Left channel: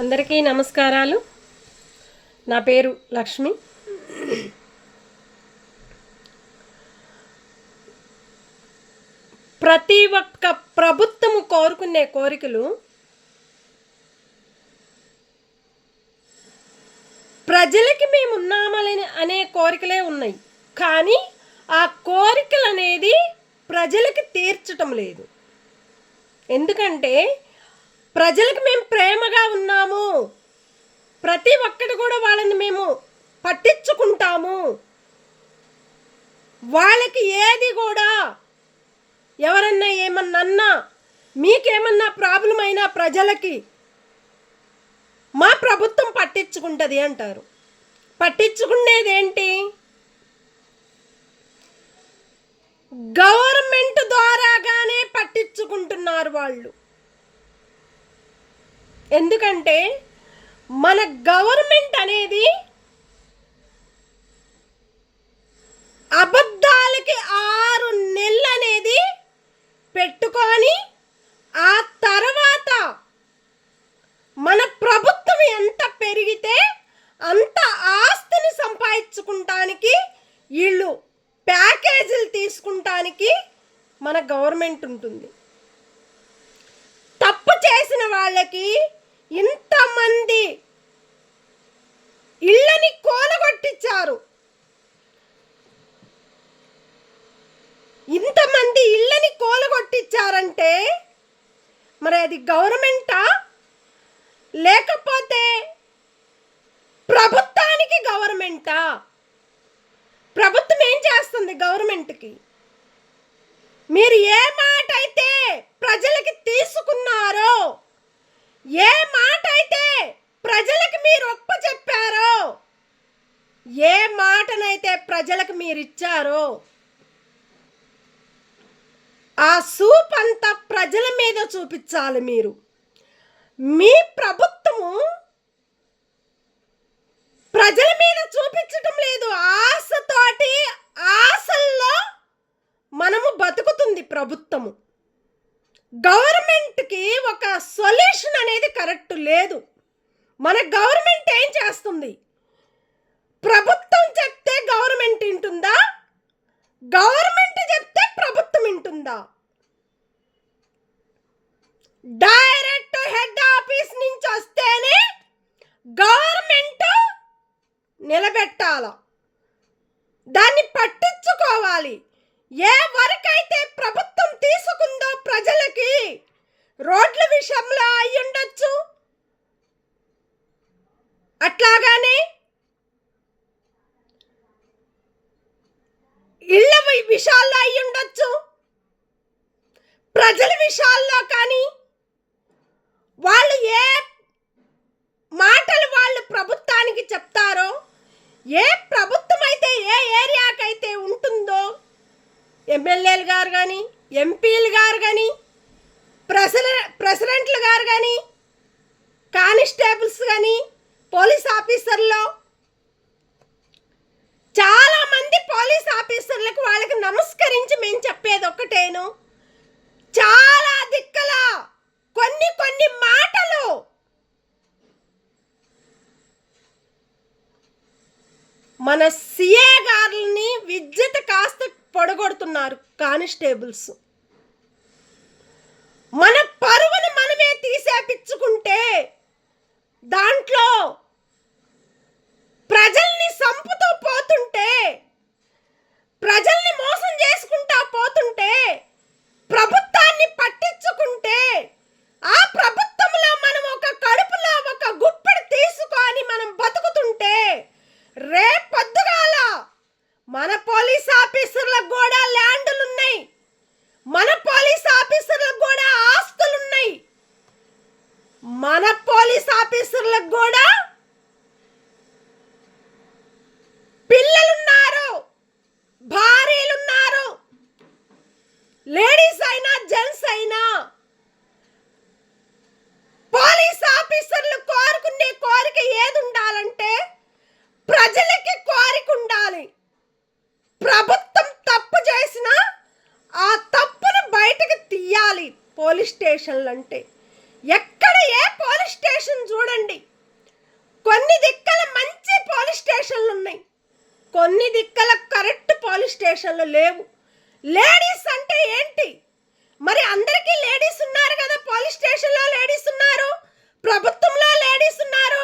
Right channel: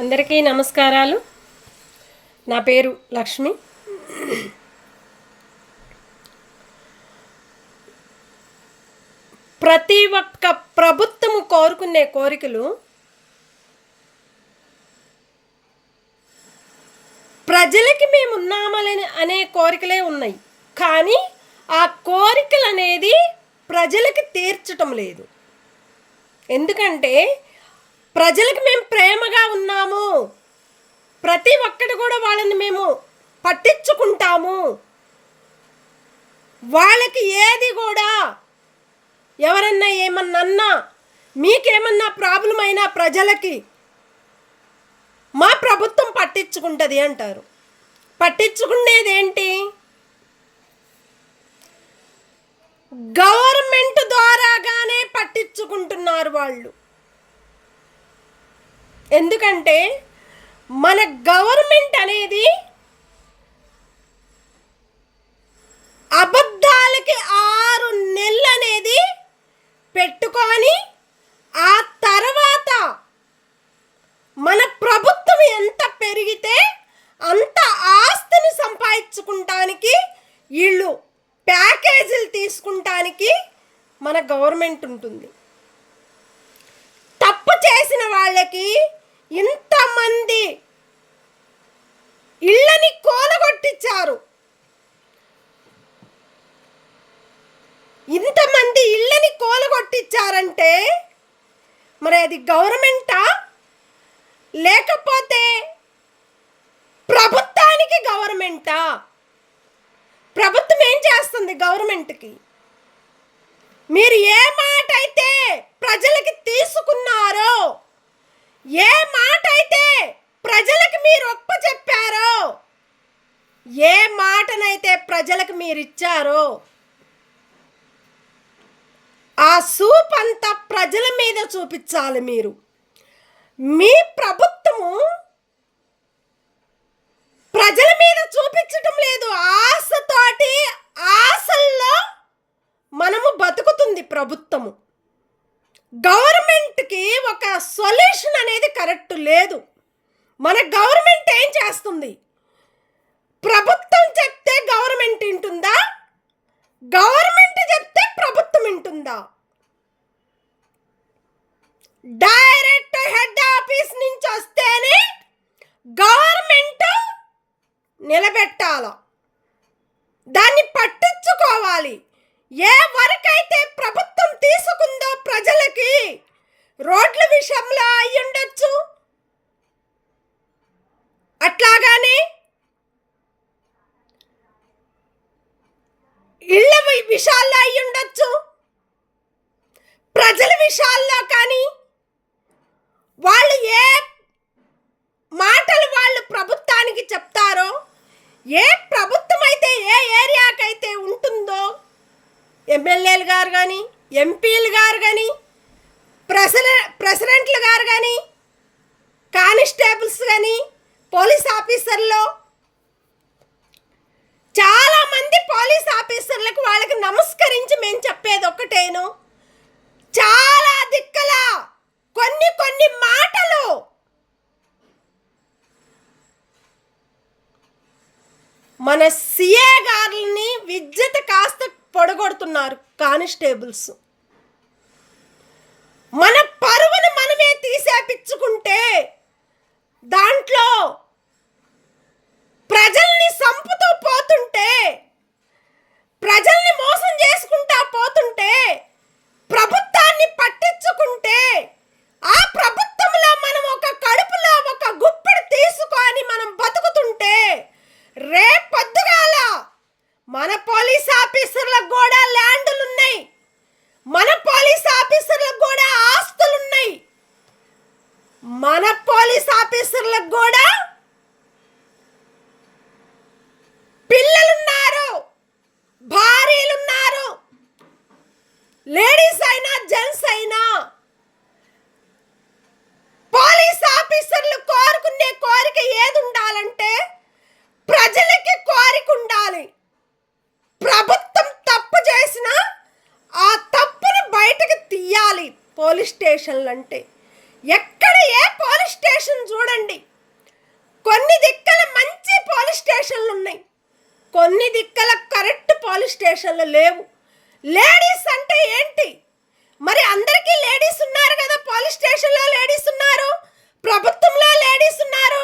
అందరికీ నమస్కారాలు. నా పేరు లక్ష్మి. ప్రతి ఒక్క ప్రభుత్వము కోరుకునే కోరికలు ప్రజలకి మేము ఉన్నామని అనే కోరికలే ఉన్నాయి. కానీ ఆ కోరికలు అనేది ప్రజలకి తీర్చటం లేదు. ఎందుకంటే ప్రజలకు మేము ప్రేమగా ఉన్నాము, ప్రతి ఒక్కటి కూడా వాళ్ళని మేము పట్టించుకుంటాము, వాళ్ళకి ఏది కూడా ఎవరన్నా ఏమన్నా మీకేమన్నా ప్రాబ్లం అయినా ప్రజలకి మా ప్రభుత్వం పట్టించుకుంటుంది అంటారు. పట్టించుకునేది ఏంటి? గవర్నమెంట్ ద్వారాగానే పట్టించుకుంటున్నారు వాళ్ళు. ఎందుకంటే మన గవర్నమెంట్ అనేది అబద్ధాలకి 6 నెలలు అనేది పెట్టుకొని ఆ తర్వాత మన ప్రభుత్వం ఎంత పెరిగితే అంత ఆస్తిని సంపాదించుకుంటానికి వీళ్ళు ప్యాకేజీలు తీసుకుంటానికి మన గవర్నమెంట్ ఉంటుంది. తప్పు చేసిన వాళ్ళకి ఇంతమంది ఇళ్ళని కూలగొట్టించారు. ఇంతమంది ఇళ్ళని కూలగొట్టించారంటే మరి అది గవర్నమెంటా లేకపోతే ప్రభుత్వానికి గవర్నమెంటా? ప్రభుత్వం ఏం చేస్తుంది గవర్నమెంట్కి? మీరు ఏ మాట అయితే ప్రజలకి తీసుకున్నారో, ఏ మాట అయితే ప్రజలకు మీరు ఒప్ప చెప్పారో, ఏ మాటనైతే ప్రజలకు మీరు ఇచ్చారో ఆ సూప్ అంతా ప్రజల మీద చూపించాలి మీరు. మీ ప్రభుత్వము ప్రజల మీద చూపించటం లేదు. ఆశతోటి ఆశల్లో మనము బతుకుతుంది ప్రభుత్వము. గవర్నమెంట్కి ఒక సొల్యూషన్ అనేది కరెక్ట్ లేదు. మన గవర్నమెంట్ ఏం చేస్తుంది? ప్రభుత్వం చెప్తే గవర్నమెంట్ వింటుందా? గవర్నమెంట్ చెప్తే ప్రభుత్వం వింటుందా? డైరెక్ట్ హెడ్ ఆఫీస్ నుంచి వస్తేనే గవర్నమెంట్ నిలబెట్టాల, దాన్ని పట్టించుకోవాలి. ఏ వరకైతే ప్రభుత్వం తీసుకుందో ప్రజలకి రోడ్ల విషయంలో అయ్యుండొచ్చు, అట్లాగానే ఇళ్ళ విషయాల్లో అయ్యుండొచ్చు, ప్రజల విషయాల్లో కానీ వాళ్ళు ఏ మాటలు వాళ్ళు ప్రభుత్వానికి చెప్తారో, ఏ ప్రభుత్వం అయితే ఏ ఏరియాకైతే ఉంటుందో, ఎమ్మెల్యేలు గారు కానీ, ఎంపీలు గారు కానీ, ప్రెసిడెంట్లు గారు కానీ, కానిస్టేబుల్స్ కానీ, పోలీస్ ఆఫీసర్లు, చాలామంది పోలీస్ ఆఫీసర్లకు వాళ్ళకి నమస్కరించి మేము చెప్పేది ఒక్కటేను, చాలా దిక్కల కొన్ని మాటలు మన సిఏ గారిని విద్యుత్ కాస్త పొడగొడుతున్నారు కానిస్టేబుల్స్. మన పరువుని మనమే తీసేపించుకుంటే దాంట్లో ప్రజల్ని సంపుతూ పోతుంటే, ప్రజల్ని మోసం చేసుకుంటా పోతుంటే, ప్రభుత్వాన్ని పట్టించుకుంటే, ఆ ప్రభుత్వంలో మనం ఒక కడుపులో ఒక గుప్పెడు తీసుకొని మనం బతుకుతుంటే, రేపొద్దుగాల మన పోలీస్ ఆఫీసర్లకు కూడా ల్యాండ్లు ఉన్నాయి, మన పోలీస్ ఆఫీసర్లకు కూడా ఆస్తులున్నాయి, మన పోలీస్ ఆఫీసర్లకు కూడా పిల్లలున్నారు, భార్యలున్నారు, లేడీస్ అయినా జెంట్స్ అయినా. పోలీస్ ఆఫీసర్లు కోరుకునే కోరిక ఏది ఉండాలంటే ప్రజలకి కోరిక ఉండాలి. ప్రభుత్వం తప్పు చేసినా ఆ తప్పును బయటకు తీయాలి. పోలీస్ స్టేషన్లు అంటే ఎక్కడ ఏ పోలీస్ స్టేషన్ చూడండి, స్టేషన్లో లేవు. లేడీస్ అంటే ఏంటి? మరి అందరికీ లేడీస్ ఉన్నారు కదా, పోలీస్ స్టేషన్లో లేడీస్ ఉన్నారు, ప్రభుత్వంలో లేడీస్ ఉన్నారు,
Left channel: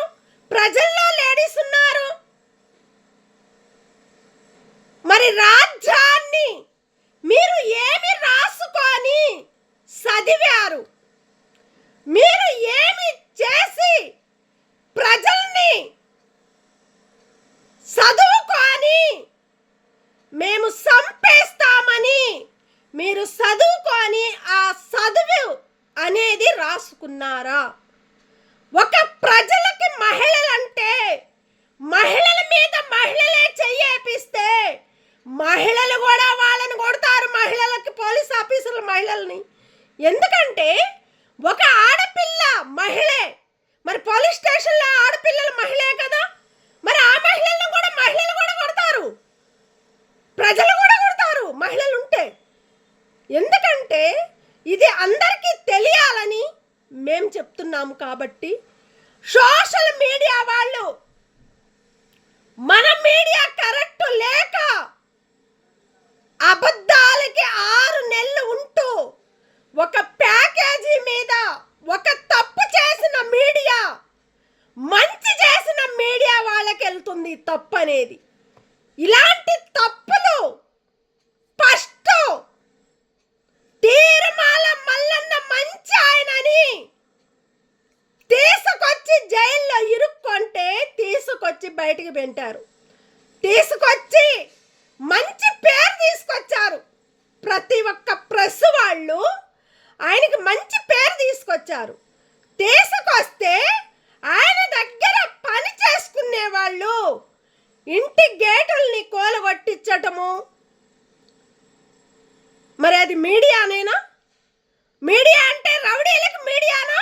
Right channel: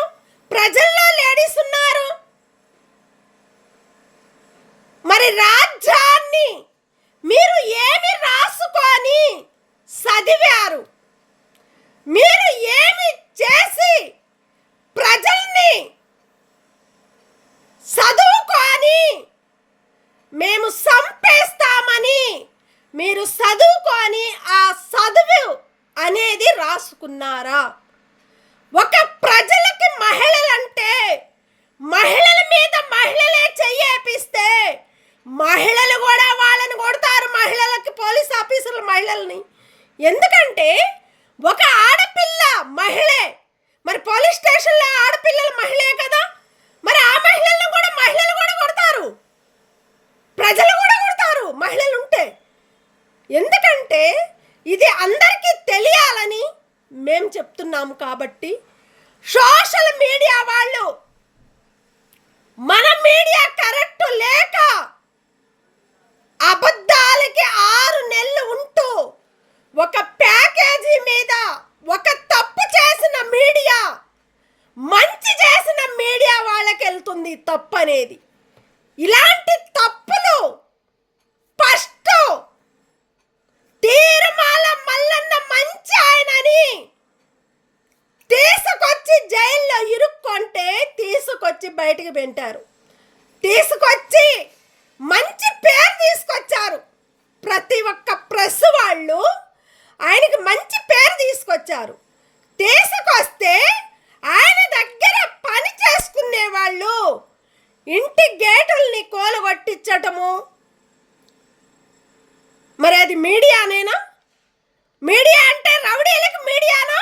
ప్రజల్లో లేడీస్ ఉన్నారు. మరి రాజ్యాన్ని మీరు ఏమి రాసుకొని చదివారు? మీరు ఏమి చేసి ప్రజల్ని చదువుకొని మేము సంపేస్తామని మీరు చదువుకొని ఆ చదువు అనేది రాసుకున్నారా? ఒక ప్రజలకి మహిళలంటే మహిళల మీద మహిళలే చెయ్యేపిస్తే మహిళలు కూడా వాళ్ళని కొడతారు, మహిళలకి పోలీస్ ఆఫీసర్లు మహిళల్ని. ఎందుకంటే ఒక ఆడపిల్ల మహిళే, మరి పోలీస్ స్టేషన్లో ఆడపిల్లలు మహిళే కదా, మరి ఆ మహిళలను కూడా మహిళలు కూడా కొడతారు, ప్రజలు కూడా కొడతారు మహిళలు ఉంటే. ఎందుకంటే ఇది అందరికీ తెలియాలని మేము చెప్తున్నాము. కాబట్టి సోషల్ మీడియా వాళ్ళు మన మీడియా కరెక్ట్ లేక అబద్ధాలకి 6 నెలలు ఉంటూ ఒక ప్యాకేజీ మీద ఒక తప్పు చేసిన మీడియా మంచి చేసిన మీడియా వాళ్ళకి వెళ్తుంది తప్పు అనేది. ఇలాంటి తప్పులు ఫస్ట్ తీర్మాల మల్లన్న మంచి ఆయనని తీసుకొచ్చి జైల్లో ఇరుక్కుంటే తీసుకొచ్చి బయటికి పెట్టారు, తీసుకొచ్చి మంచి పేరు తీసుకొచ్చారు. ప్రతి ఒక్క ప్రెస్ వాళ్ళు ఆయనకి మంచి పేరు తీసుకొచ్చారు. తీసుకొస్తే ఆయన దగ్గర పని చేసుకునే వాళ్ళు ఇంటి గేటుల్ని కోలగొట్టించటము, మరి అది మీడియానేనా? మీడియా అంటే రౌడీలకి మీడియానా?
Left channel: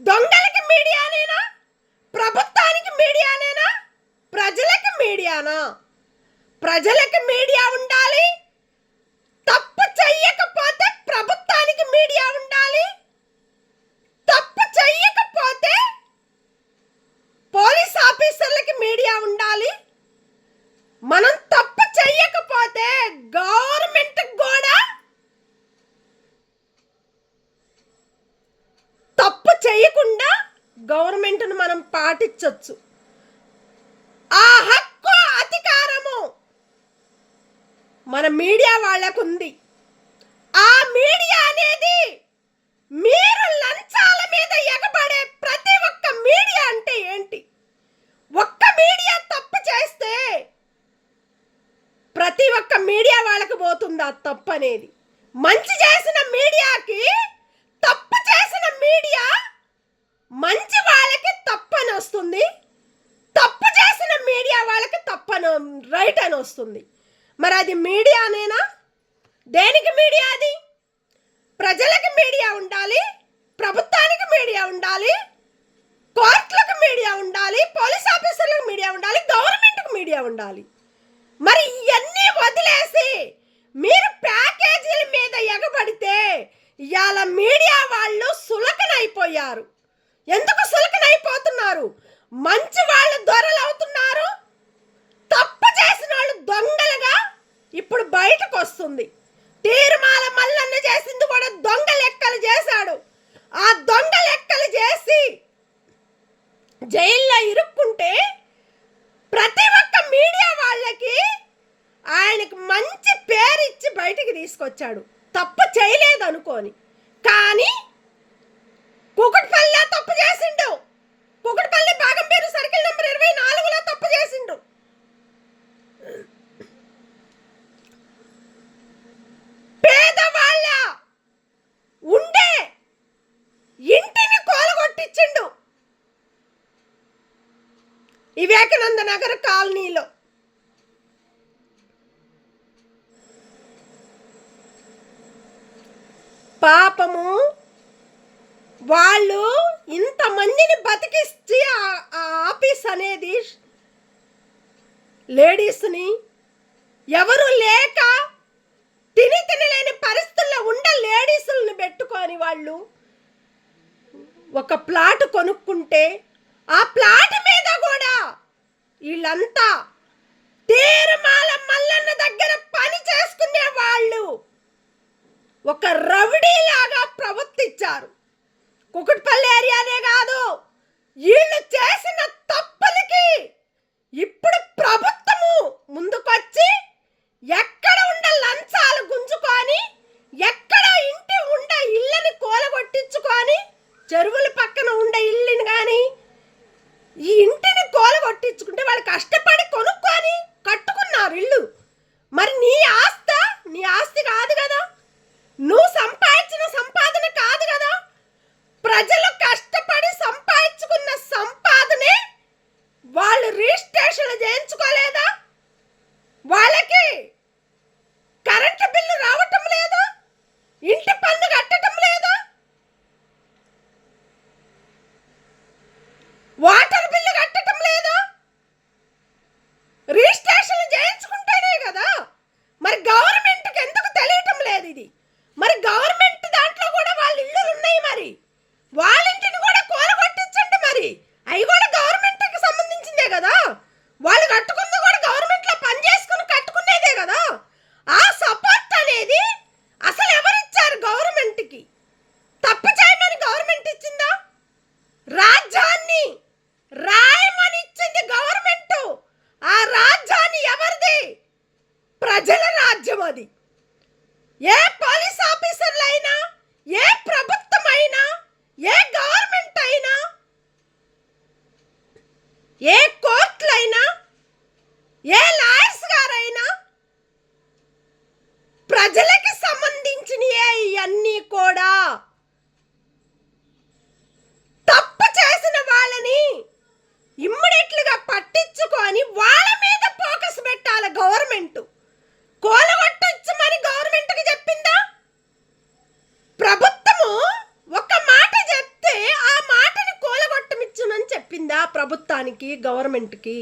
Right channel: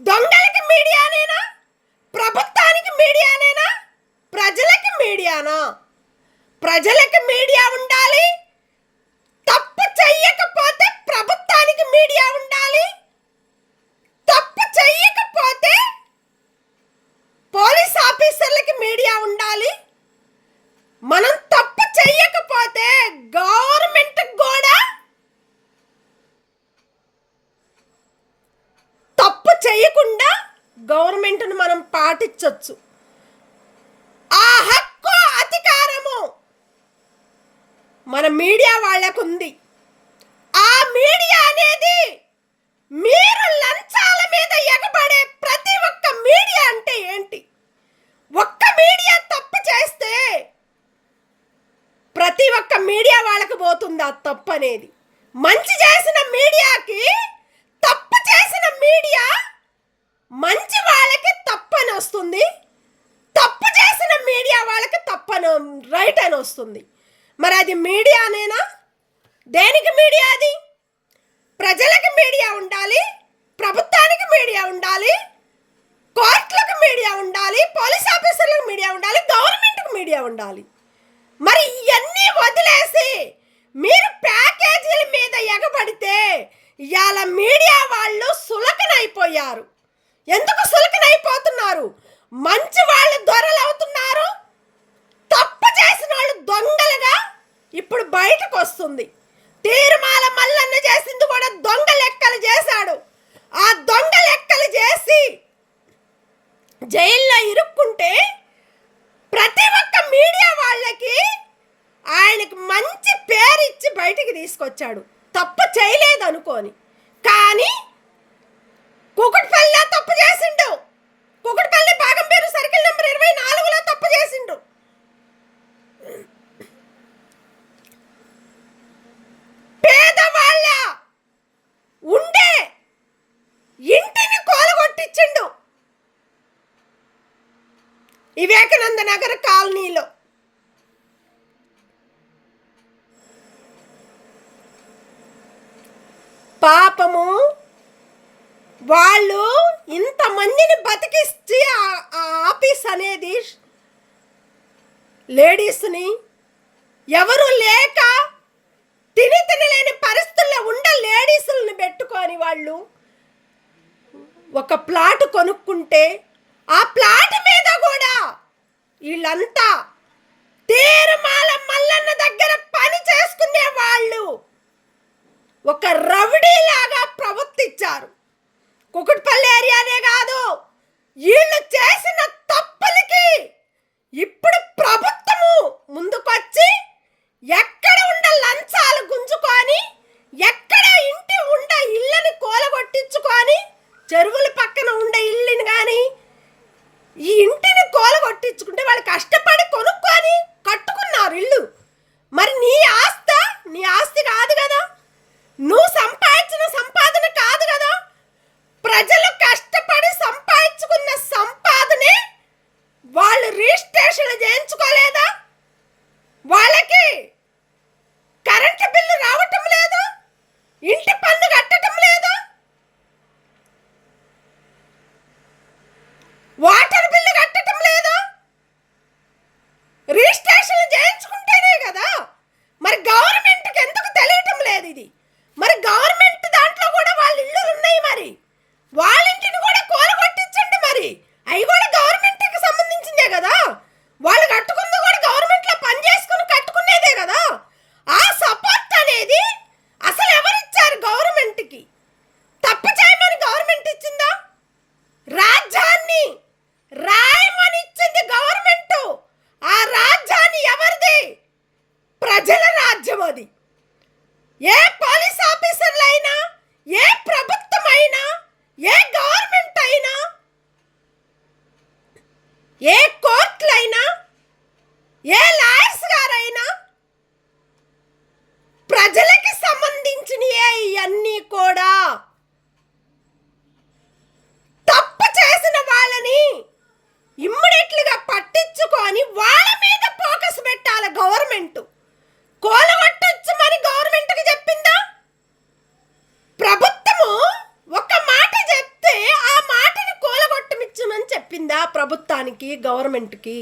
దొంగలకి మీడియానేనా? ప్రభుత్వానికి మీడియానేనా? ప్రజలకి మీడియానా? ప్రజలకి మీడియా ఉండాలి, తప్పు చెయ్యకపోతే ప్రభుత్వానికి మీడియా ఉండాలి, తప్పు చెయ్యకపోతే పోలీస్ ఆఫీసర్లకి మీడియా ఉండాలి. మనం తప్పు చెయ్యకపోతే గవర్నమెంట్ కూడా తప్పు చేయకుండా గవర్నమెంట్ను మనం పాటించవచ్చు. ఆ హక్కు అధికారము మన మీడియా వాళ్ళకు ఉంది. ఆ మీడియా అనేది మీరు లంచాల మీద ఎగబడే ప్రతి ఒక్క మీడియా అంటే ఏంటి? ఒక్క మీడియా తప్పు చేస్తే ప్రతి ఒక్క మీడియా వాళ్ళకి పోతుంది ఆ తప్పు అనేది. మంచి చేసిన మీడియాకి తప్పు చేసిన మీడియా మంచి వాళ్ళకి తప్పని వస్తుంది, తప్పు చేసిన మీడియా వాళ్ళకి తప్పని రైట్ అని వస్తుంది. మరి అది మీడియానేనా? దేనికి మీడియా? అది ప్రజలకు మీడియా ఉండాలి, ప్రభుత్వానికి మీడియా ఉండాలి, కోర్టులకు మీడియా ఉండాలి, పోలీస్ ఆఫీసర్లకు మీడియా ఉండాలి, గవర్నమెంట్కి మీడియా ఉండాలి. మరి ఇవన్నీ వదిలేసి మీరు ప్యాకేజీల మీద ఎగబడితే ఇవాళ మీడియా వాళ్ళు సులకనైపోయారు. ఎందుకు సులకనైపోతున్నారు? మంచి వాళ్ళు దొరలు అవుతున్నారు, తప్పు చేసిన వాళ్ళు దొంగలుగా ఇప్పుడు బయటకు వస్తుంది. తీర్మాల మల్లన్న చేసింది కూడా దొంగ లెక్కలు చేశాడు. ఆ దొంగ లెక్కలు చేసి జైల్లో ఇరుక్కుంటే ప్రతి ఒక్క మీడియా వాళ్ళకి ఆయనకు మంచి పేరు ఇచ్చి బయటికి తీసుకొచ్చాడు, తప్పు చేయలేదు అనుకోని. కానీ కుకట్పల్లిలో తప్పు చేసిండు, కుకట్పల్లి బాగంపేరు సర్కిల్ నెంబర్ 24లో తప్పు చేసిండు. పేదవాళ్ళ ఉండే ఇంటిని కోలగొట్టించిండు వివేకానంద నగర్ కాలనీలో. పాపము వాళ్ళు ఇంతమందిని బతికిచ్చి ఆ ఆఫీస్ అనేది లేడీస్ని ఎవరు లేక తినలేని పరిస్థితుల్లో ఉండే లేడీసుల్ని పెట్టుకొని వాళ్ళు ఒక ప్లాట్ కొనుక్కుంటే ఆ ప్లాట్ మీద కూడా వీళ్ళంతా తీర్మాల మల్లన్న వాళ్ళు ఒక రౌడీలాగా ప్రవర్తించారు. కుకుట్పల్లి ఏరియానే కాదు, వీళ్ళు చేసిన తప్పులకి ఇప్పుడు ప్రభుత్వము ముందుకొచ్చి ఎక్కడ ఉండ లంచాలు గుంజుకొని, ఎక్కడ ఇంటి ఉండ ఇళ్ళని కూలగొట్టించుకొని, చెరువుల పక్కన ఉండే ఇల్లుని కానీ ఈ ఇంటిని కూలగొట్టించుకుంటే వాళ్ళు కష్టపడి కొనుక్కొని కట్టుకున్నారు ఇల్లు. మరి నీ ఆస్తి కాదు కదా, నువ్వు సంపాదించిన సంపాదన కాదు కదా. ప్రజలు కష్టపడి సంపాదించుకున్న సంపాదనే వాళ్ళు రిజిస్ట్రేషన్ చేయించుకోలేదా? వాళ్ళకి కరెంటు బిల్లు రావటం లేదా? ఇంటి పన్ను కట్టడం లేదా? వాటర్ బిల్లు కట్టడం లేదా? రిజిస్ట్రేషన్ చేయించుకుంటేనే కదా. మరి గవర్నమెంట్కి ఎందుకు తెలియటం లేదు ఇది? మరి గవర్నమెంట్ దాంట్లో కూడా వాళ్ళ ఇల్లులు ఉన్నాయి, మరి వాళ్ళ ఇంటిని కూడా కూలగొట్టించండి. మరి అవి కూడా గవర్నమెంట్కి సంబంధించిందే కదా. వాళ్ళు కట్టుకుంది కూడా గవర్నమెంట్లో పని చేసుకుని కట్టుకునేదే కదా. ఆ సపోర్ట్ అనేది అసలు ఎవరిచ్చారు గవర్నమెంట్కి? తప్పు చేయమని గవర్నమెంట్ ఇచ్చిందా? రాజ్యాన్ని రాయమని ఇచ్చింది గవర్నమెంట్. ఆ రాజ్యాన్ని ఎవరిది? ప్రజల రాజ్యం అది. ఏ పోలీస్ ఆఫీసర్లైనా, ఏ ప్రభుత్వం అయినా, ఏ గవర్నమెంట్ అయినా, ఏ కోర్టులైనా, ఏ లాయర్స్ గారైనా ప్రజలకి సంబంధించినయే ఇవన్నీ కూడా. తప్పు చేసిన వాళ్ళని ఇమ్మీడియట్లుగా పట్టించుకొని వాళ్ళ మీద ఫోకస్ పెట్టాలి గవర్నమెంట్. కూలగొట్టొచ్చమని గవర్నమెంట్కి చెప్పిందా? ప్రభుత్వము ఒక మాట చెప్తే ఆ మాటని కూలగొట్టమిచ్చునని చెప్పిందా ప్రభుత్వానికి, గవర్నమెంట్కి?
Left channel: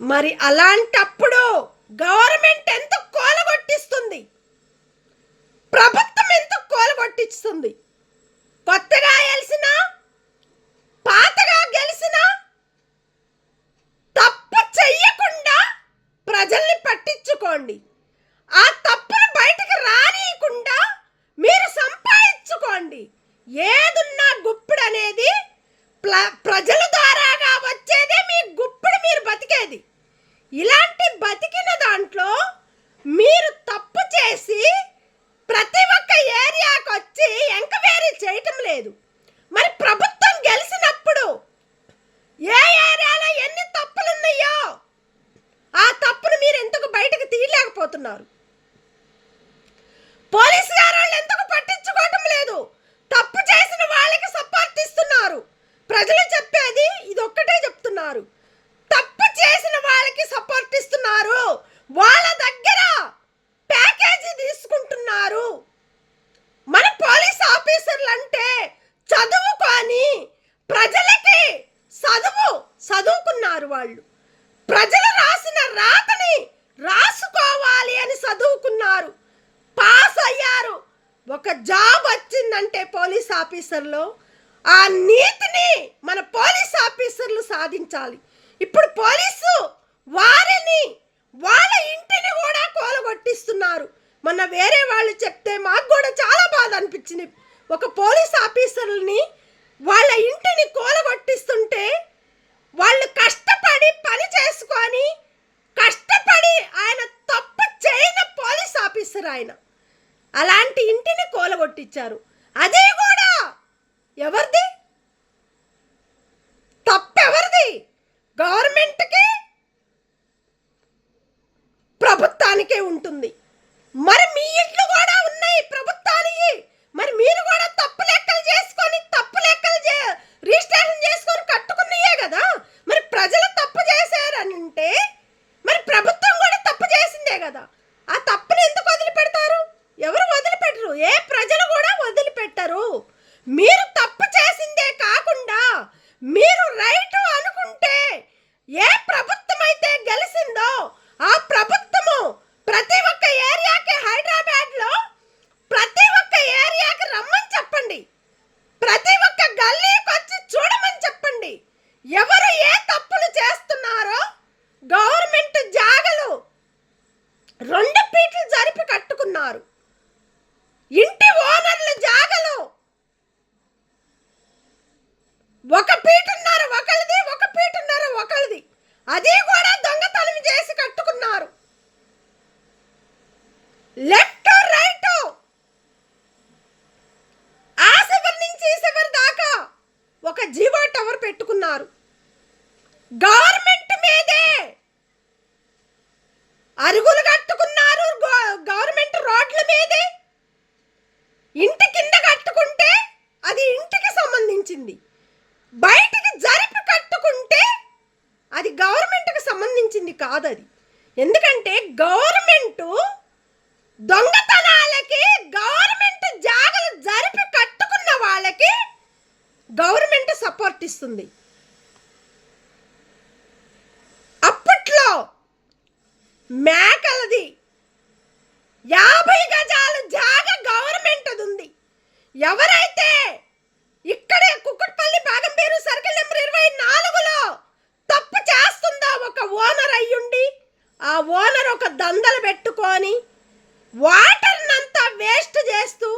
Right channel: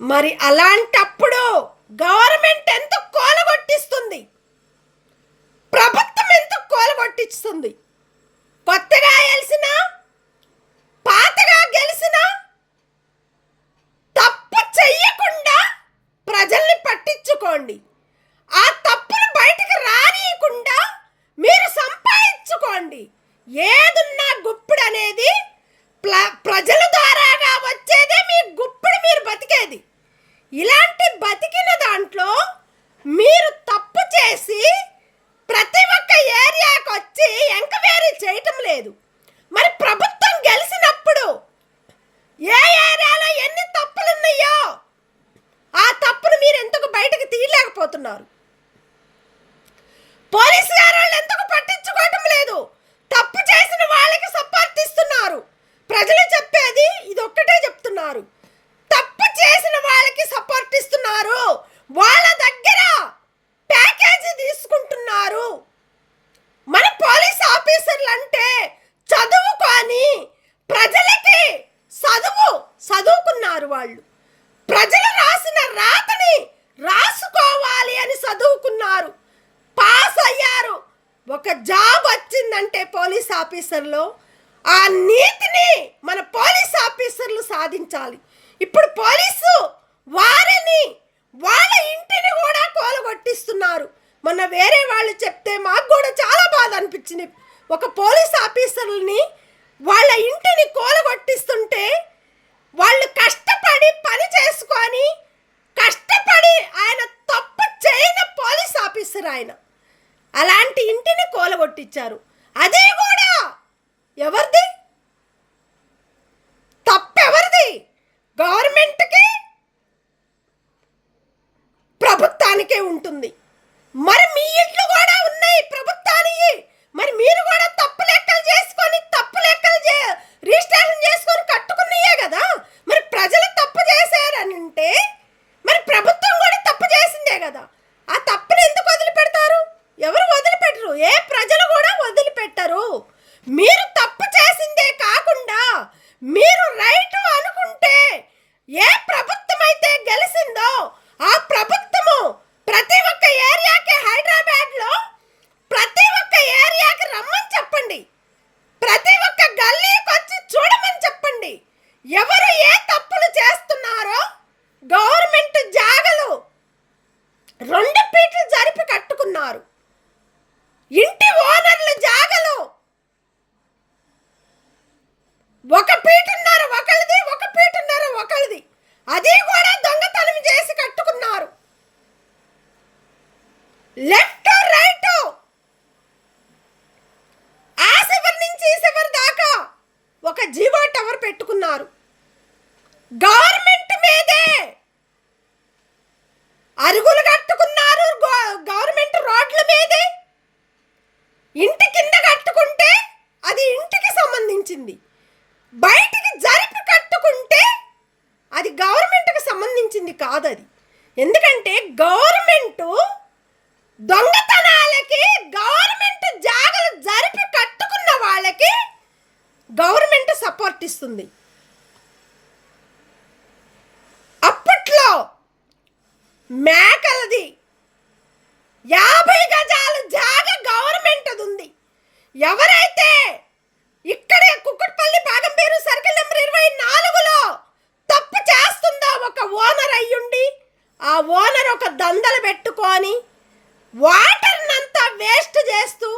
మరి అలాంటప్పుడు గవర్నమెంట్ ఎంత కూలగొట్టిస్తుంది, ప్రభుత్వం ఎంత కూలగొట్టిస్తుంది? కొత్తగా గెలిసిన, పాతగా గెలిచిన తప్పు చెయ్యకుండా ప్రజల్ని పట్టించుకోండి. ఆ తప్పును బయటకు రానియకుండా మీరు సంపాదించుకోండి. ఏదున్నా గుప్పుడు అనేది ప్రజల ద్వారాగా వచ్చేదే మీ గుప్పుడు, మీరు బతికేది. ఇలాంటి బతికిన దాంట్లో మీరు తప్పు చేసి ప్రతి ఒక్క ఏరియాకి వచ్చి ఎంక్వైరీ చేయటం లేదు. మరి ప్రభుత్వం గెలిచినప్పుడు ఏ ఏరియాలో ఎన్ని తప్పులున్నాయో ఆ తప్పును మీరు ఎందుకు బయటకు తీయలేకపోతున్నారు? పోలీసు గారు ఎందుకు పట్టించుకోవటం లేదు? తప్పు చేసిన వాళ్ళకి సపోర్ట్ ఇస్తున్నారు. ప్రజలు చెప్పేది ఇది ఒక్కటే చెప్తున్నారు, తప్పు చేసిన వాళ్ళకి సపోర్ట్ ఇస్తున్నారు, వాళ్ళ దగ్గర ప్యాకేజీ తీసుకుంటున్నారు. మన పోలీస్ ఆఫీసర్లు అంటే చదువుకొని ప్రజలకి చదువుకున్నారు. వాళ్ళు ప్రజలు రాసిన రాతని రాసుకోవాలి అని చదువుకున్నారు, పాస్ అయ్యారు. ఒక జాబ్ వచ్చిందంటే పోలీస్ ఆఫీసర్లో ఆ నీతిని మన పోలీస్ ఆఫీసర్లు సాధించాలి. ఇప్పుడు పోలీసు వారిని వాళ్ళ ఇంటిని కూడా కూలగొట్టిస్తున్నారు. మొన్న వేరే వాళ్ళు చెప్తే మాకు కూడా చాలా బాధ అనిపించింది. ఒక పోలీస్ ఆఫీసర్ని వాళ్ళ ఇంటిని కూలగొట్టిస్తుంటే వాళ్ళు కష్టపడి పని చేసుకొని కష్టపడి, ఆయన తప్పు చేయని పోలీస్ ఆఫీసర్ ఆయన, అలాంటి ఇంటిని కూలగొట్టించారు. అదే కూడా ఎవరిది తప్పు? ఎవరిది? గవర్నమెంట్కి, ప్రభుత్వానికే ఉంటుంది. మరి మీ ఇంట్లో కూడా ఉన్నాయి ప్రభుత్వానికి. మరి మీరు కూడా తప్పు లెక్కలు చేసుకొని రిజిస్ట్రేషన్ చేసుకొని కట్టుకున్నాయే కదా. మరి ప్రజలు తప్పు చేశారని అంటే మరి ప్రభుత్వం కూడా తప్పు చేసిందే కదా. ఆ తప్పుని ఎందుకు వదిలిపెడతారు? ఎవరు వదిలిపెట్టరు, ఏ ప్రజలు కూడా వదిలిపెట్టరు. మీరు తప్పు చేసిందే ఒక పీటున్నర ఒకరిది, ఒక పీటున్నర ఒకరిది. అది కూడా దొంగతనం చేసి కట్టుకున్నారు. లెఫ్ట్ రైట్ ఆ శివరి నుంచి ఈ శివరి దాకా ఒక జీవో టవర్ పెట్టుకున్నారు. గవర్నమెంట్ మీదే అరుగులు కట్టుకున్నారు. గవర్నమెంట్ రోడ్ల మీదే. ఇంటి కింద కట్టుకుంటే అది ఇంటికి సంబంధించింది, బయటికి జరిపి కట్టుకుంటే అది గవర్నమెంట్కి సంబంధించింది కాదు. అది ఎందుకంటే గవర్నమెంట్ దొంగతనాలకి, గవర్నమెంట్ జాగలు జరిపి కట్టుకున్న వాళ్ళకి గవర్నమెంట్ సపోర్ట్ ఇస్తుంది. అప్పట్లో మేకలది 50 గజాలు జాగ గవర్నమెంట్ ఉంది. ఎవరైతే ఇక్కడే కుక్కట్పల్లి బాగంపేరు సర్కిల్ నెంబర్ 24లో తప్పు చేస్తుందో ఒక ఓనర్ అయ్యుండి, ఆ ఓనర్ ఒక దందలు పెట్టుకొని వాటర్నంతా వేస్ట్ చేస్తూ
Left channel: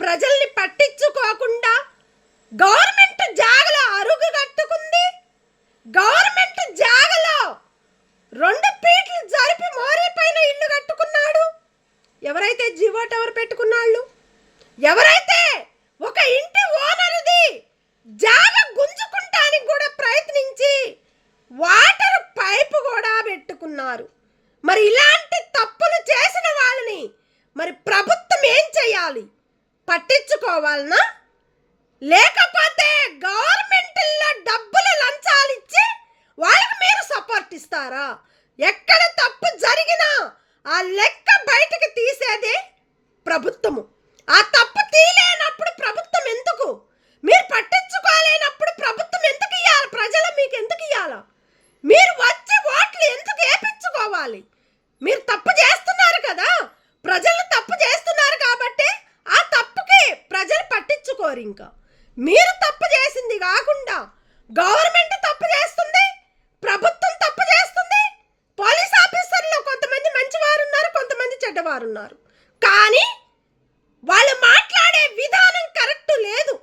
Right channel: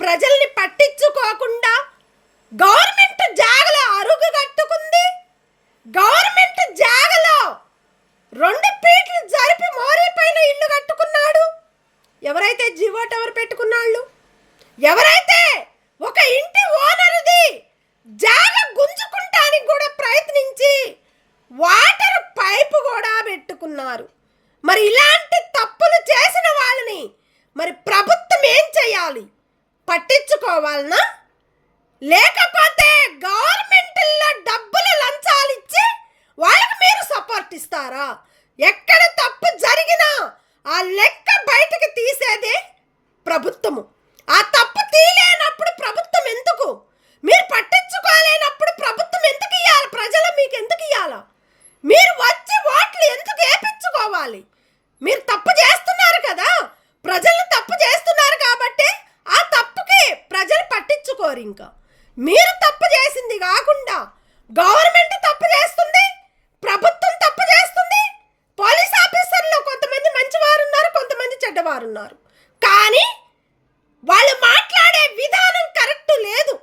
ప్రజల్ని పట్టించుకోకుండా గవర్నమెంట్ జాగలో అరుగు కట్టుకుంది. గవర్నమెంట్ జాగలో 2 ఫీట్లు జరిపి మోరీ పైన ఇల్లు కట్టుకున్నాడు. ఎవరైతే జీవో టవర్ పెట్టుకున్నాళ్ళు, ఎవరైతే ఒక ఇంటి ఓనరుది జాగ గుంజుకుంటానికి కూడా ప్రయత్నించి వాటర్ పైపు కూడా పెట్టుకున్నారు. మరి ఇలాంటి తప్పులు చేసిన వాళ్ళని మరి ప్రభుత్వం ఏం చేయాలి? పట్టించుకోవాలనా? లేకపోతే గవర్నమెంట్లో డబ్బులు లంచాలు ఇచ్చి వాళ్ళకి మీరు సపోర్ట్ ఇస్తారా? ఎక్కడ తప్పు జరిగినా ఆ లెక్క బయటకు తీసేదే ప్రభుత్వము. ఆ తప్పు తీలేనప్పుడు ప్రభుత్వం ఎందుకు? మీరు పట్టించుకోలేనప్పుడు ప్రభుత్వం ఎందుకు ఇవ్వాలి? ప్రజలు మీకు ఎందుకు ఇవ్వాలా? మీరు వచ్చి ఓట్లు ఎందుకు వేయించుకోవాలి? మీరు తప్పు చేస్తున్నారు కదా, ప్రజలు తప్పు చేస్తున్నారు కాబట్టి ఆ తప్పుకి ప్రజలు పట్టించుకోరు. ఇంకా మీరు తప్పు చేసింది కాకుండా గవర్నమెంట్ తప్పు చేస్తుంది, ప్రభుత్వం తప్పు చేస్తుంది. పోలీస్ ఆఫీసర్లో కొంతమంది మంచివారు ఉన్నారు, కొంతమంది చెడ్డవారు ఉన్నారు. కానీ వాళ్ళు మాట్లాడే విధానం కరెక్ట్ లేదు.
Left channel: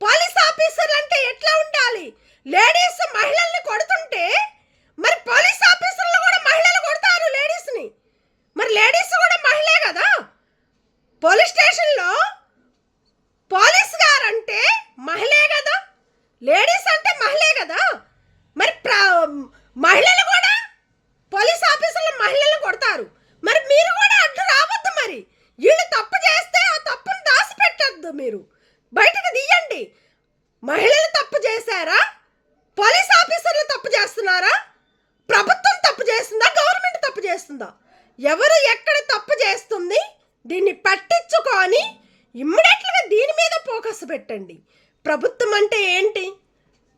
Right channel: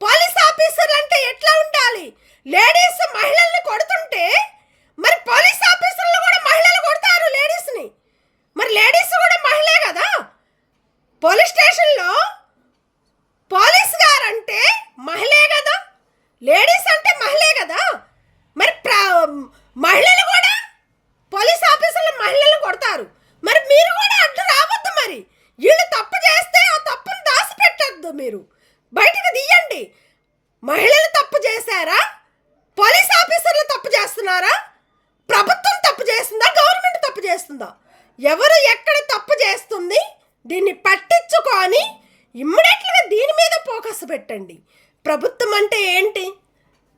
పోలీస్ ఆఫీసర్ అంటే ఎట్లా ఉండాలి? లేడీస్ మహిళల్ని కొడుతుంటే మరి పోలీస్ ఆఫీసర్లు కూడా మహిళలు కొడతారు లేడీస్ని. మరి లేడీస్ కూడా మహిళే కదా. పోలీస్ స్టేషన్లో పోలీస్ గారు అంటే మహిళే కదా, లేడీస్ అంటే మహిళే కదా. మరి మహిళలు కూడా పోలీస్ ఆఫీసర్లు మహిళలు కొడతారు. మరి మీరు కూడా అడ్డు రావద్దు. మరి వీళ్ళు తప్పు చేస్తే ఆ తప్పును దాచిపెట్టద్దు, మీరు బయటకు తీయండి. మహిళలు తప్పు చేశారా? పోలీస్ ఆఫీసర్లు తప్పు చేస్తున్నారా? ప్రభుత్వం తప్పు చేస్తుందా? గవర్నమెంట్ తప్పు చేస్తుందా? ఎవరు ఎక్కడ తప్పు చేస్తుంది దీన్ని పట్టించుకొని ఇమ్మీడియట్గా దీని మీద ఫోకస్ పెట్టండి. ప్రభుత్వం అంటే ఏంటి?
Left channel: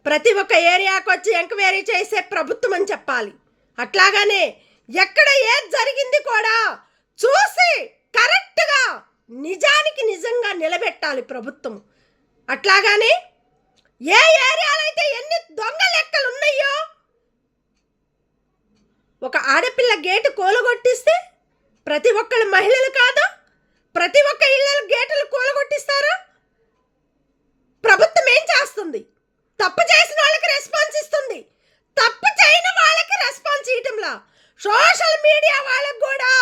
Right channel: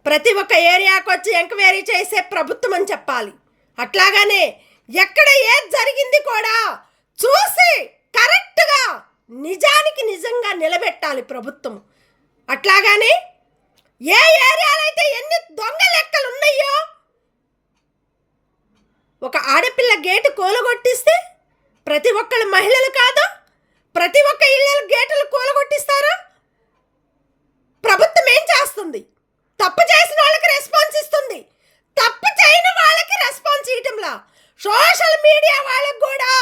ప్రతి ఒక్క ఏరియాకి వచ్చి ఎంక్వైరీ చేసే ప్రభుత్వం అని చెప్పాలి. అట్లాగానే ఎక్కడ ఏది జరిగింది కూడా చూసి కరెక్ట్గా నిజానికి నిజంగా నిలబెట్టాలి ప్రభుత్వం. అట్లాగానే ఏ ఏరియాలో అయితే ఎన్ని దొంగ లెక్కలు ఉన్నాయో, ఒక ఆడపిల్ల గేటు కూలగొట్టిస్తే ప్రతి ఒక్కళ్ళు మహిళలు కాదా? ప్రతి ఒక్క ఇళ్ళ గేటులు కూలగొట్టిస్తారా? ప్రభుత్వం ఏం చేస్తుంది? తప్పు చేసిన వాళ్ళకి రెస్పాన్స్ ఇస్తుంది, తప్పు చేయని వాళ్ళకి రెస్పాన్స్ ఇవ్వటంలా. సోషల్ మీడియా వాళ్ళకి కూడా,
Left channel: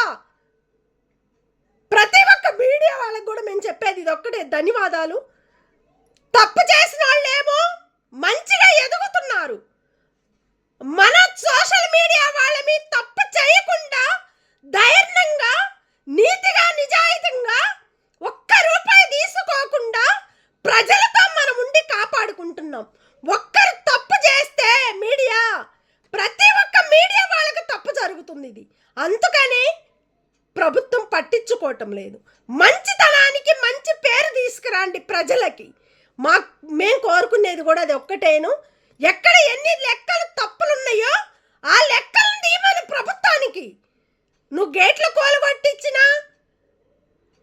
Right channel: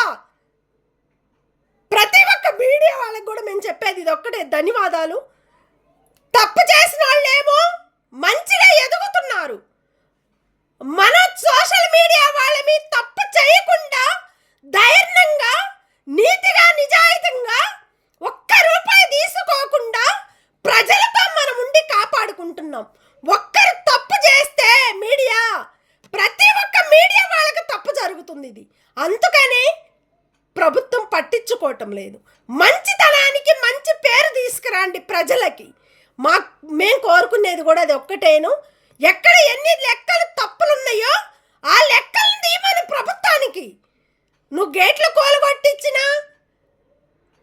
ప్రతి ఒక్క మీడియా వాళ్ళకి కూడా మేము చెప్పేది ఇది ఒక్కటే, ధన్యవాదాలు. తప్పు చేసిన వాళ్ళేమో మంచిగా ఎదుగుతున్నారు. మన సోషల్ మీడియా వాళ్ళని తప్పు చేయకుండా ధైర్యంగా, నీతిగా, నిజాయితీగా ఒక్క రూపాయి తీసుకోకుండా ప్రజలతో మనం ఉండి కాపాడుకుంటున్నాం. ఒక్కరు తప్పు చేస్తే మీడియా, ప్రతి ఒక్క మీడియా వాళ్ళకి తప్పు జరుగుతుంది. ఇది అందుకని ప్రభుత్వం పట్టించుకోవటం లేదు. మంచితనానికి మంచి పేరు తీసుకురండి ప్రజలకి. మేము కోరుకునేది కూడా అది ఒక్కటేను. ఎక్కడ ఎన్ని లెక్కలు తప్పులున్నాయో ఆ లెక్కలను తీయమని ప్రభుత్వానికి. నువ్వు గేట్లు కూలగొట్టించినా,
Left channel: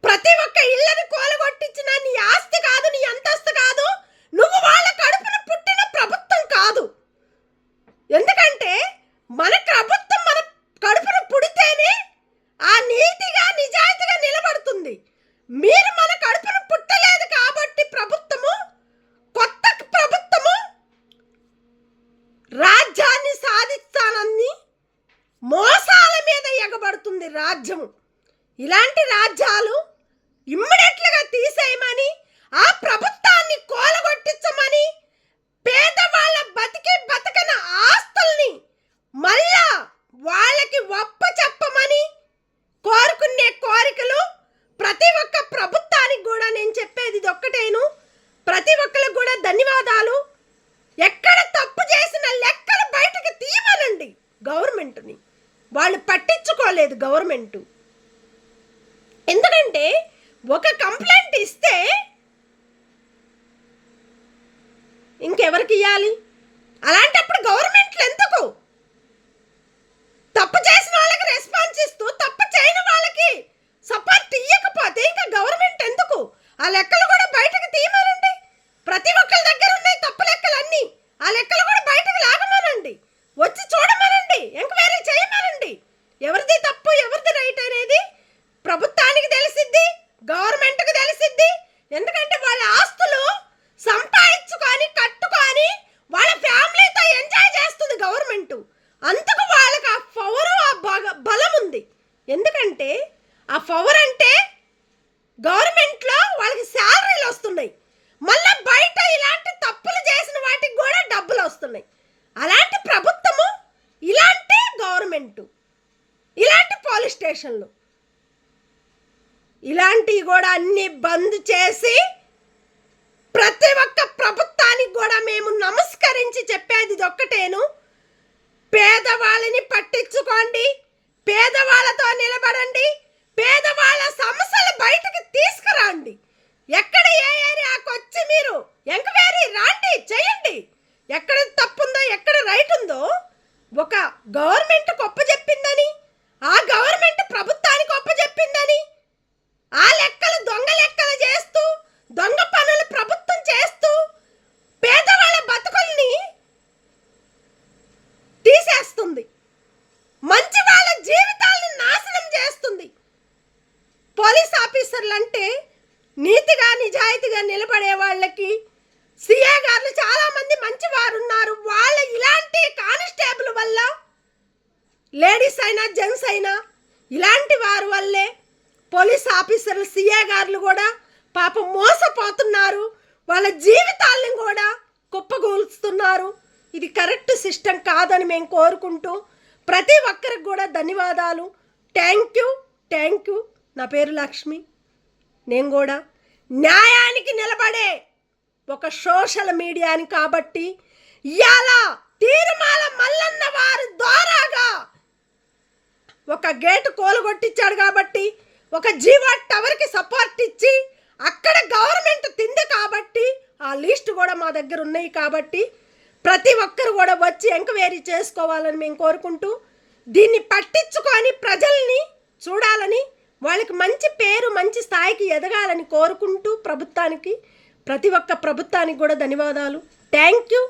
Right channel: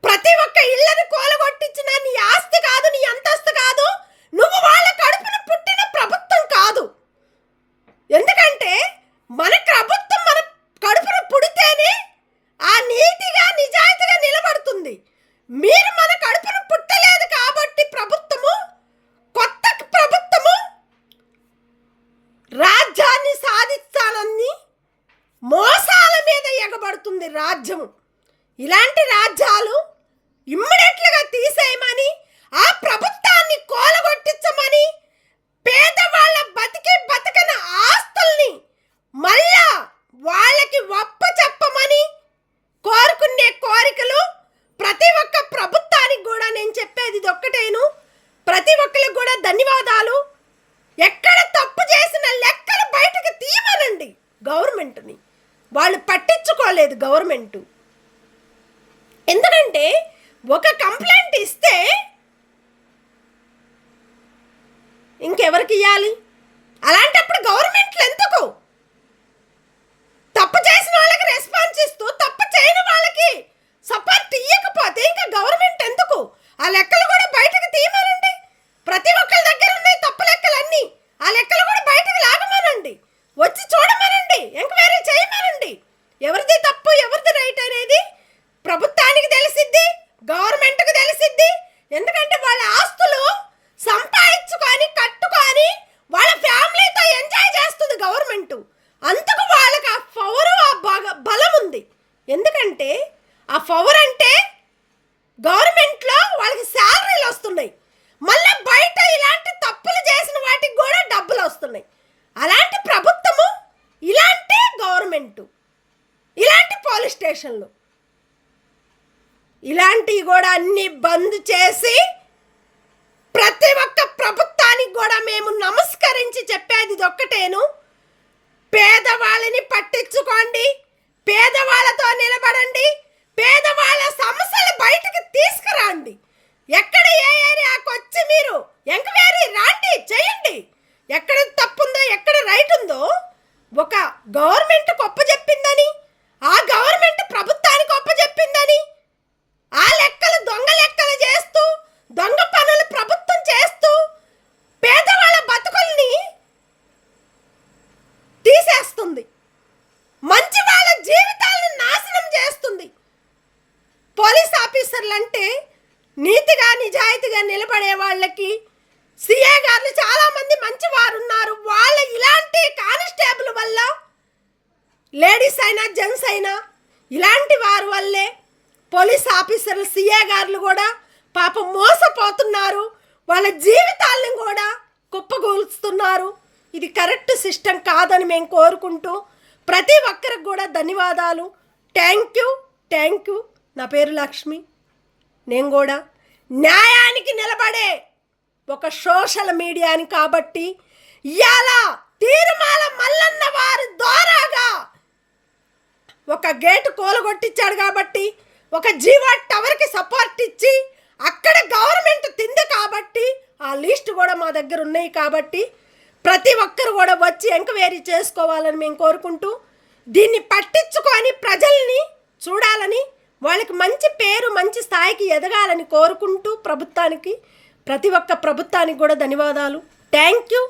ప్రతి ఒక్క ఇళ్ళని కూలగొట్టించినా నీ ఆస్తి కాదు, నీ అంతస్తు కాదు, నువ్వు వాళ్ళ కడుపున పుట్టిన ప్రభుత్వం కాదు. ఎందుకంటే మన ప్రభుత్వం మన కడుపున పుడితేనే ఆ నీతిగా నిజాయితీగా నిలబడుతుంది. మీరు మన కడుపున పుట్టలేదు కాబట్టి ప్రభుత్వము, కొత్త ప్రభుత్వము చేస్తుంది రాజ్యము. ఇలాంటి రాజ్యాలు ఇమ్మీడియట్లుగా తీసేయమని, ఆ ప్రభుత్వాన్ని కోలగొట్టించమని, పేదవాళ్ళ బతకన ఆస్తుల్ని మళ్ళా వాళ్ళకి చెప్పమని కోరుకునే కోరికలు ప్రతి ఒక్క ప్రభుత్వానికి కూడా నేను చెప్పేది ఇది ఒక్కటేను. ప్రతి ఒక్కరికి కూడా ధన్యవాదాలు. ఎక్కడ తప్పు చేసిన లెక్కలు బయటకు తీయమనండి గవర్నమెంట్ని. వాళ్ళు పట్టించుకోలేదు గవర్నమెంటు. ఎందుకంటే ఒక కంప్లైంట్ ఇస్తే ఇంకెవరికి ఇవ్వాలి? అలాంటప్పుడు గవర్నమెంట్లు ఎందుకు? తప్పు చేసిన వాళ్ళకి రెస్పాన్స్ ఇస్తూ తప్పు చేయని వాళ్ళకి సపోర్ట్ ఇవ్వకపోతే ఇంకా గవర్నమెంట్ ఎందుకు? ఆ లెక్కలు కూడా బయటకు తీయమనండి. ప్రతి ఒక్కరి దగ్గర ఉన్నాయి తప్పు లెక్కలన్నీ. ఆ లెక్కలు కూడా బయటకు లాగమనండి, వచ్చి చూడమనండి, ఎంక్వైరీ చేయమనండి. ఎవరిది తప్పు ఎవరిది రైట్ అనేది ప్రభుత్వానికి తెలిసిద్ది, గవర్నమెంట్కి తెలిసిద్ది. ఎందుకంటే వాళ్ళ ఆస్తులు సంపాదించుకొని కట్టుకొని వాళ్ళ ఫ్యామిలీతో ఎంజాయ్ చేస్తుంది గవర్నమెంట్. అందుకు వాళ్ళకి ఆ పవరు ఆ బలం ఉంది. ఎందుకంటే ఆ పవర్ అంటే గవర్నమెంట్లో వాళ్ళకి శాలరీలు వస్తున్నాయి, మళ్ళీ బయట ఇలాంటి తప్పులు చేసిన వాటికి కూడా డబ్బులు వస్తున్నాయి. అలాంటి ప్రభుత్వము, ఇలాంటి గవర్నమెంటు, ఇలాంటి పోలీస్ స్టేషన్లు, ఇలాంటివి కూడా అన్ని బంద్ చేసి ప్రతి ఒక్క ప్రభుత్వానికి కూడా మేము నమస్కరించి చెప్పేది ఇది ఒక్కటేను. పేదవాళ్ళని పట్టించుకోండి, పేదవాళ్ళతో నిలబడండి, పేదవాళ్ళ సమస్యలు బయటకు తీసుకురండి. ఎక్కడ ఏ ఏరియాకి వచ్చి మీరు ఎంక్వైరీ రాండి, చేయండి. ఎక్కడ తప్పుందో ఎక్కడ రైట్ ఉందో ఒక గవర్నమెంట్ ఒప్పజెప్పిందని, ఆ గవర్నమెంట్ ప్రభుత్వానికి ఒప్పజెప్పిందని, ఆ లెక్కలు దొంగ లెక్కలు చేస్తూ దొంగ పనులు ప్రభుత్వం చేస్తూ పేదవాళ్ళ బతుకుల్ని తీసేస్తుంది, మంచి వాళ్ళ జీవితాలను నాశనం చేస్తుంది. పోలీస్ ఆఫీసర్లు అంటే నీతిగా నిజాయితీగా నిలబడే వాళ్ళకి సిఏ గారు చాలామంది మంచి వారు ఉన్నారు. వాళ్ళ ఇలాంటి కానిస్టేబుల్ వల్ల లేడీస్ అయినా జెంట్స్ అయినా ఇలాంటి వారి వల్లే పోలీస్ ఆఫీసర్లు సిఏ గారులు కూడా పాపం మోసపోతున్నారు, వాళ్ళ జీవితాలను కూడా కుప్పగూలుస్తున్నారు. ఇది కరెక్ట్ సిస్టమ్ కాదని మేము కోరుకుంటూ ప్రతి ఒక్కరికి కూడా ధన్యవాదాలు. Thank you. నా పేరు లక్ష్మి. నేను కూడా న్యాయానికి నిలబడే ఒక సోషల్ మీడియాని కాబట్టి ఇవాళ తీర్మాల మల్లన్న వారి ద్వారాగా ఒక గేటు కూలగొట్టించాడు కాబట్టి, ఒక జీవో టవర్కి సపోర్ట్ ఇచ్చి అక్కడ గవర్నమెంట్ తింది కాబట్టి ఆ లిస్ట్ కూడా మా దగ్గర ఉన్నాయి కాబట్టి ప్రతి ఒక్కరు కూడా వచ్చి ఎంక్వైరీ చేసుకోవాలని మేము కోరుకుంటూ, దీన్ని పట్టించుకొని ప్రజల్ని చూడాలని, వాళ్ళకి మంచి పేరు మంచి స్థాయికి ఎదగాలని కోరుకుంటూ ప్రభుత్వానికి, ప్రతి ఒక్క ప్రభుత్వానికి కూడా ధన్యవాదాలు. Thank you.